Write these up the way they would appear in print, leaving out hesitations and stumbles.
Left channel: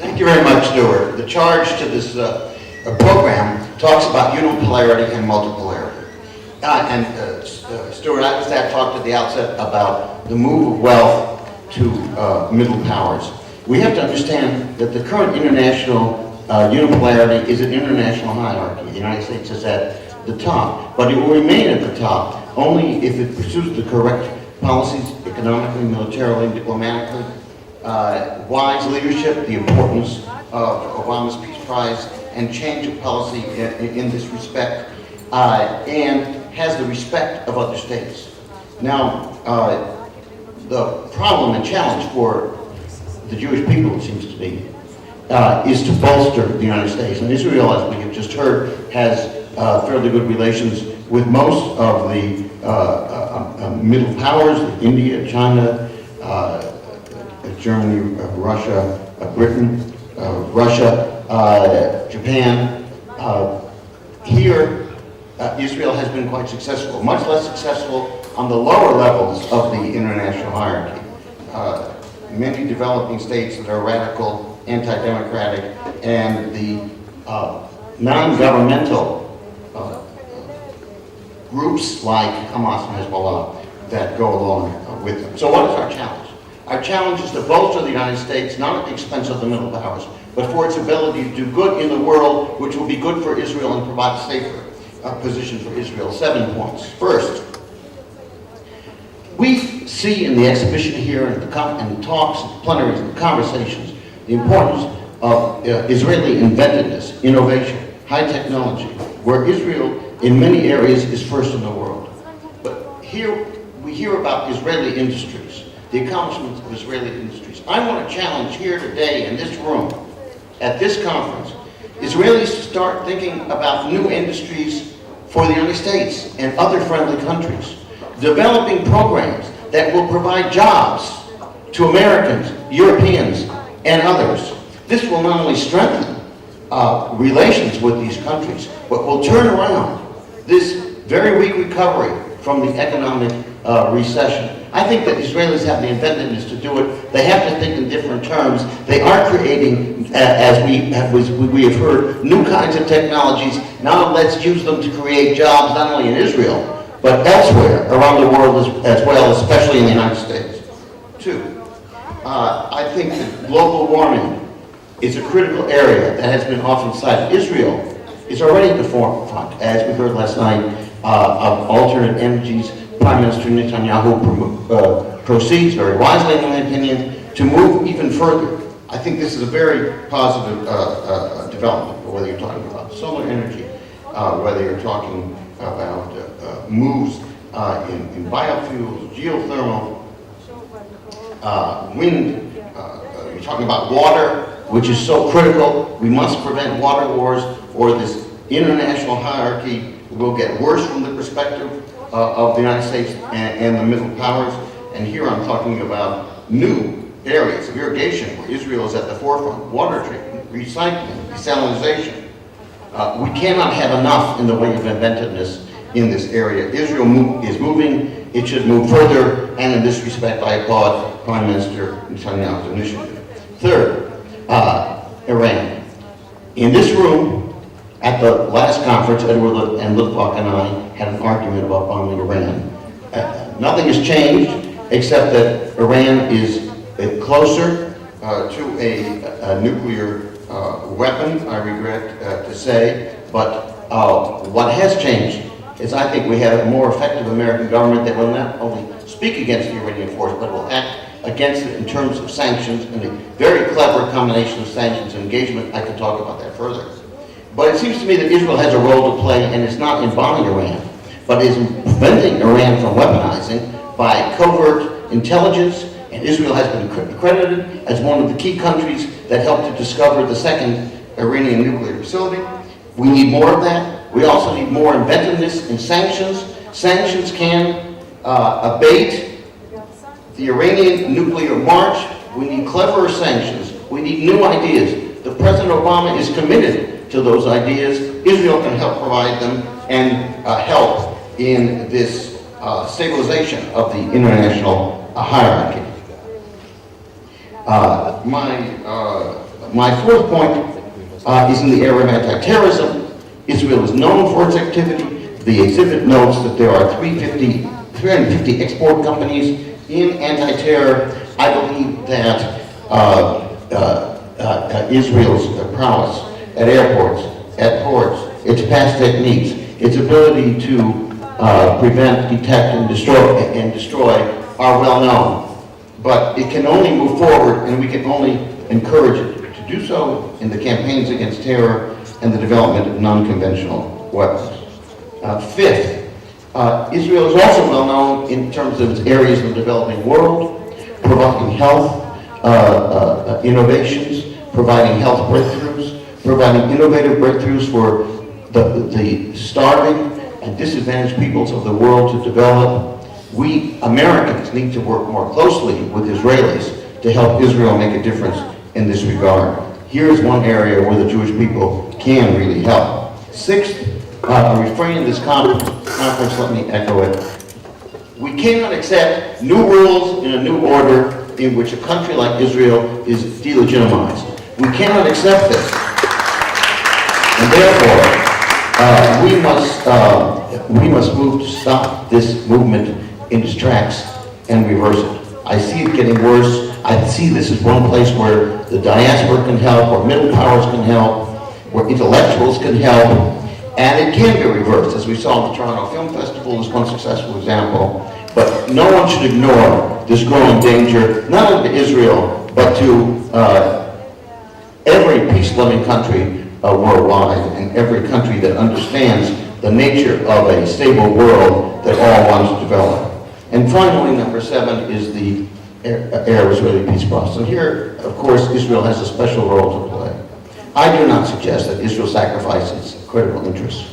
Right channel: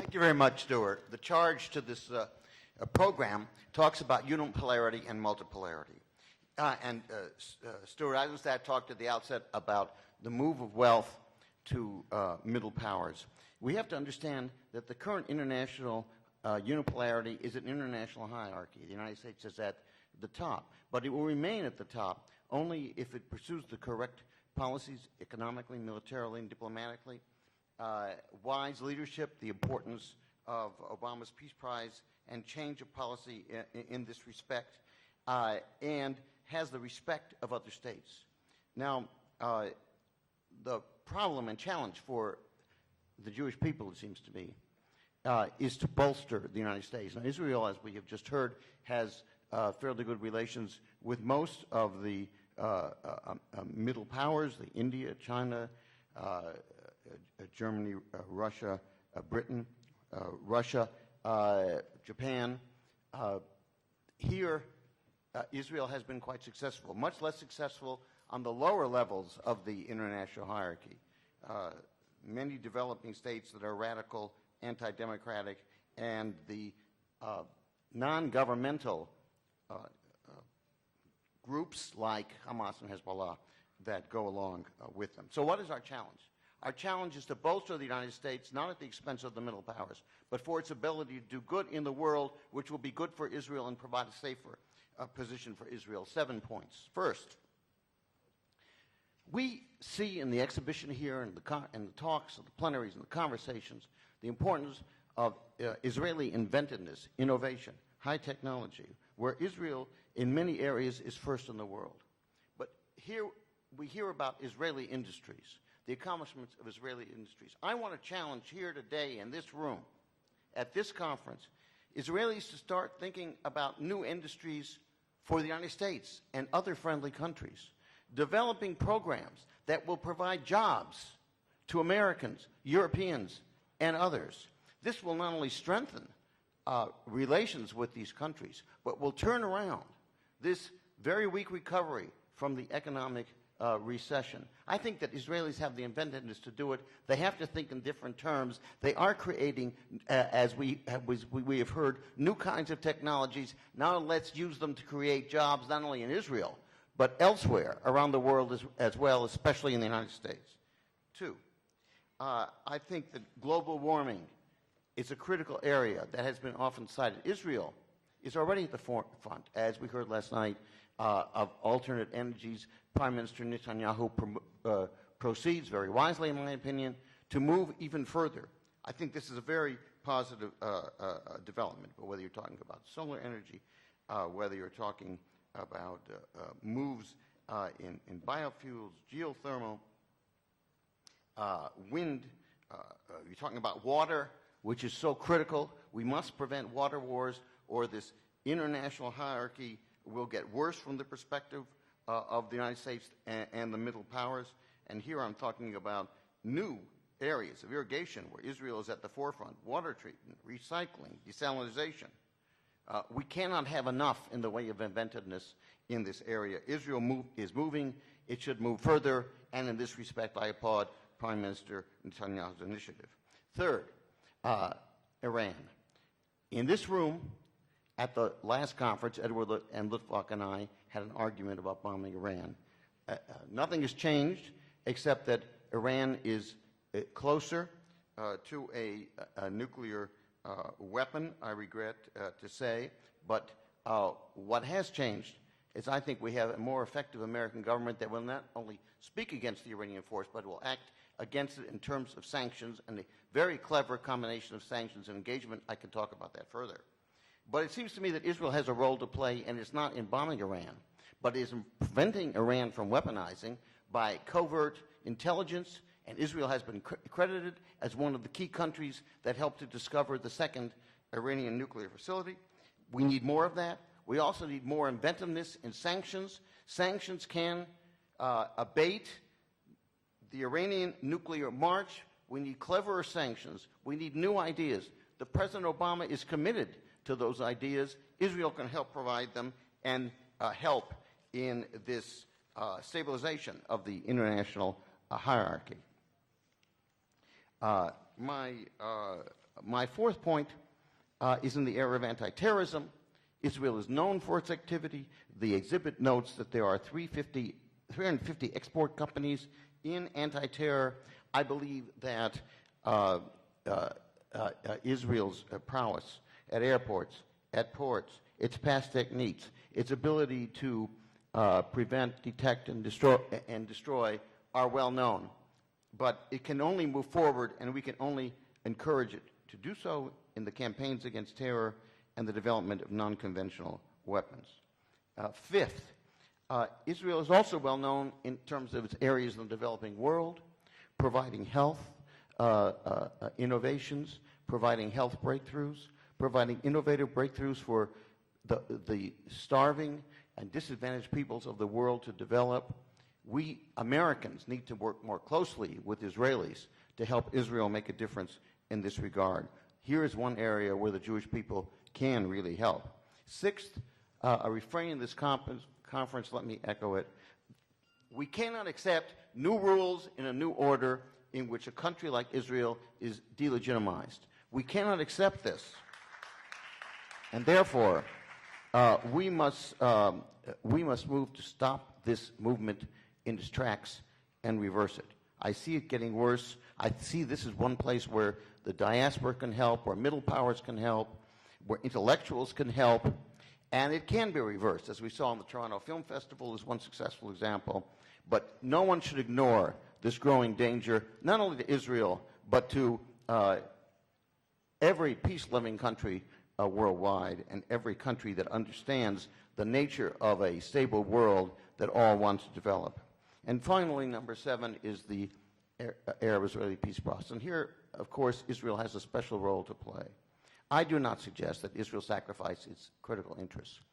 Thank you very much, Stuart. The charge to this program talks about unipolarity and multipolarity. Stuart Eizenstat talked at the outset about the move of wealth to middle powers. We have to understand that the current international unipolarity is an international hierarchy. The United States is at the top, but it will remain at the top only if it pursues the correct policies economically, militarily, diplomatically, wise leadership, the importance of Obama's Peace Prize, and change of policy in this respect, and has the respect of other states. Now, the problem and challenge for the Jewish people, it seems to me, is to bolster the United States. And Israel, as we have just heard, has fairly good relations with most of the middle powers, India, China, Germany, Russia, Britain, Russia, Japan. Here, Israel has been quite successful, much less successful on the lower levels of the international hierarchy. Many developing states that are radical, anti-democratic, and the non-governmental groups like Hamas and Hezbollah that go along with them. So what is our challenge? Our challenge is to bolster the United States, not at the expense of the middle powers, but for its ability to do good in the world, which will be good for Israel and provide a safer position for Israel. 7 points. First, we see in the exhibition here and the talks, plenaries, and conversations, the importance of Israeli inventiveness, innovation, high technology, where Israel in many areas is first in the world. But here we hear about Israeli industries, the accomplishments of Israeli industries. I want to challenge here today in this room, at this conference, Israelis to start thinking about new industries for the United States and other friendly countries, developing programs that will provide jobs to Americans, Europeans, and others. This will not only strengthen relations with these countries, but will turn around this very weak recovery from the economic recession. I think that Israelis have the inventiveness to do it. They have to think in different terms. They are creating, as we have heard, new kinds of technologies. Now let's use them to create jobs not only in Israel, but elsewhere around the world as well, especially in the United States. 2, I think that global warming is a critical area that has been often cited. Israel is already at the forefront, as we heard last night, of alternate energies. Prime Minister Netanyahu proceeds very wisely, in my opinion, to move even further. I think this is a very positive development, whether you're talking about solar energy, whether you're talking about moves in biofuels, geothermal, wind, you're talking about water, which is so critical. We must prevent water wars, or this international hierarchy will get worse from the perspective of the United States and the middle powers. And here I'm talking about new areas of irrigation where Israel is at the forefront: water treatment, recycling, desalinization. We cannot have enough in the way of inventiveness in this area. Israel is moving. It should move further, and in this respect I applaud Prime Minister Netanyahu's initiative. Third, Iran. In this room, at the last conference, Edward and Litvak and I had an argument about bombing Iran. Nothing has changed except that Iran is closer to a nuclear weapon, I regret to say. But what has changed is I think we have a more effective American government that will not only speak against the Iranian force, but will act against it in terms of sanctions, and a very clever combination of sanctions and engagement. I could talk about that further. But it seems to me that Israel has a role to play, and it's not in bombing Iran, but is preventing Iran from weaponizing by covert intelligence, and Israel has been credited as one of the key countries that helped to discover the second Iranian nuclear facility. We need more of that. We also need more inventiveness in sanctions. Sanctions can abate the Iranian nuclear march. We need cleverer sanctions. We need new ideas. The President Obama is committed to those ideas. Israel can help provide them and help in this stabilization of the international hierarchy. My My fourth point is in the area of anti-terrorism. Israel is known for its activity. The exhibit notes that there are 350 export companies in anti-terror. I believe that Israel's prowess at airports, at ports, its past techniques, its ability to prevent, detect, and destroy are well known. But it can only move forward, and we can only encourage it to do so in the campaigns against terror and the development of non-conventional weapons. Fifth, Israel is also well known in terms of its areas in the developing world, providing health innovations, providing health breakthroughs, providing innovative breakthroughs for the starving and disadvantaged peoples of the world to develop. We Americans need to work more closely with Israelis to help Israel make a difference in this regard. Here's one area where the Jewish people can really help. Sixth, a refrain in this conference, let me echo it. We cannot accept new rules in a new order in which a country like Israel is delegitimized. We cannot accept this. And therefore, we must move to stop this movement in its tracks and reverse it. I see it getting worse. I see this as one place where the diaspora can help, where middle powers can help, where intellectuals can help, and it can be reversed, as we saw in the Toronto Film Festival as one successful example. But no one should ignore this growing danger, not only to Israel, but to every peace-loving country worldwide, and every country that understands the nature of a stable world that all wants to develop. And finally, number 7 is the Arab-Israeli peace process. And here, of course, Israel has a special role to play. I do not suggest that Israel sacrifices critical interests,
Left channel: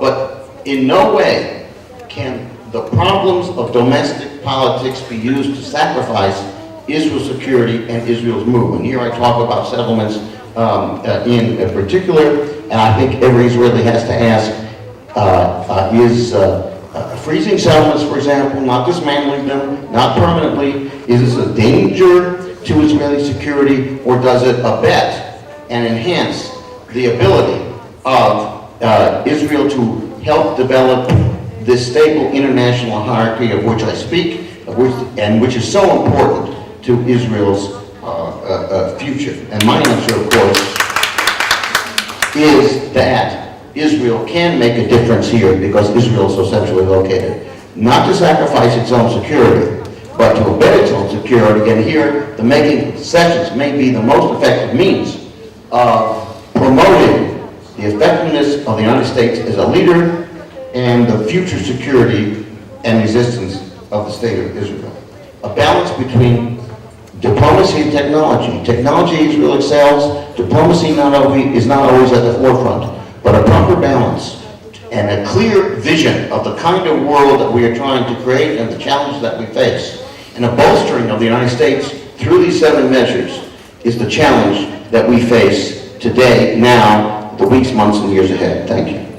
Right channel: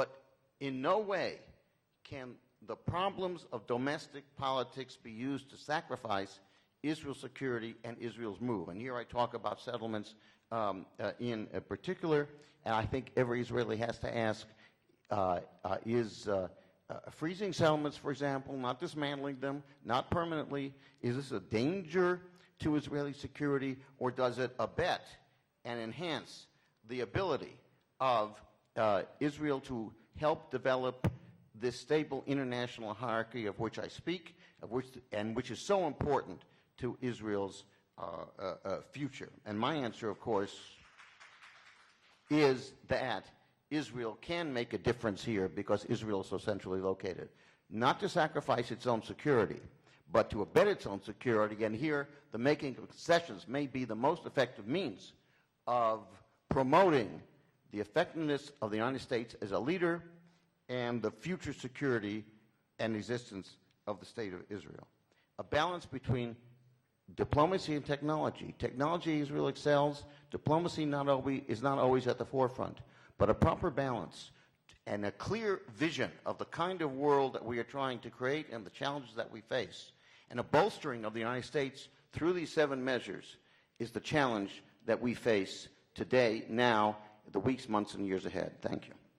but in no way can the problems of domestic politics be used to sacrifice Israel's security and Israel's movement. Here I talk about settlements in particular, and I think every Israeli has to ask, is freezing settlements, for example, not dismantling them, not permanently, is this a danger to Israeli security, or does it abet and enhance the ability of Israel to help develop this stable international hierarchy of which I speak, and which is so important to Israel's future? And my answer, of course, is that Israel can make a difference here because Israel is so centrally located. Not to sacrifice its own security, but to abet its own security. And here, the making concessions may be the most effective means of promoting the effectiveness of the United States as a leader and the future security and resistance of the state of Israel. A balance between diplomacy and technology. Technology, Israel excels. Diplomacy is not always at the forefront, but a proper balance and a clear vision of the kind of world that we are trying to create and the challenges that we face. And a bolstering of the United States through these 7 measures is the challenge that we face today, now, the weeks, months, and years ahead. Thank you.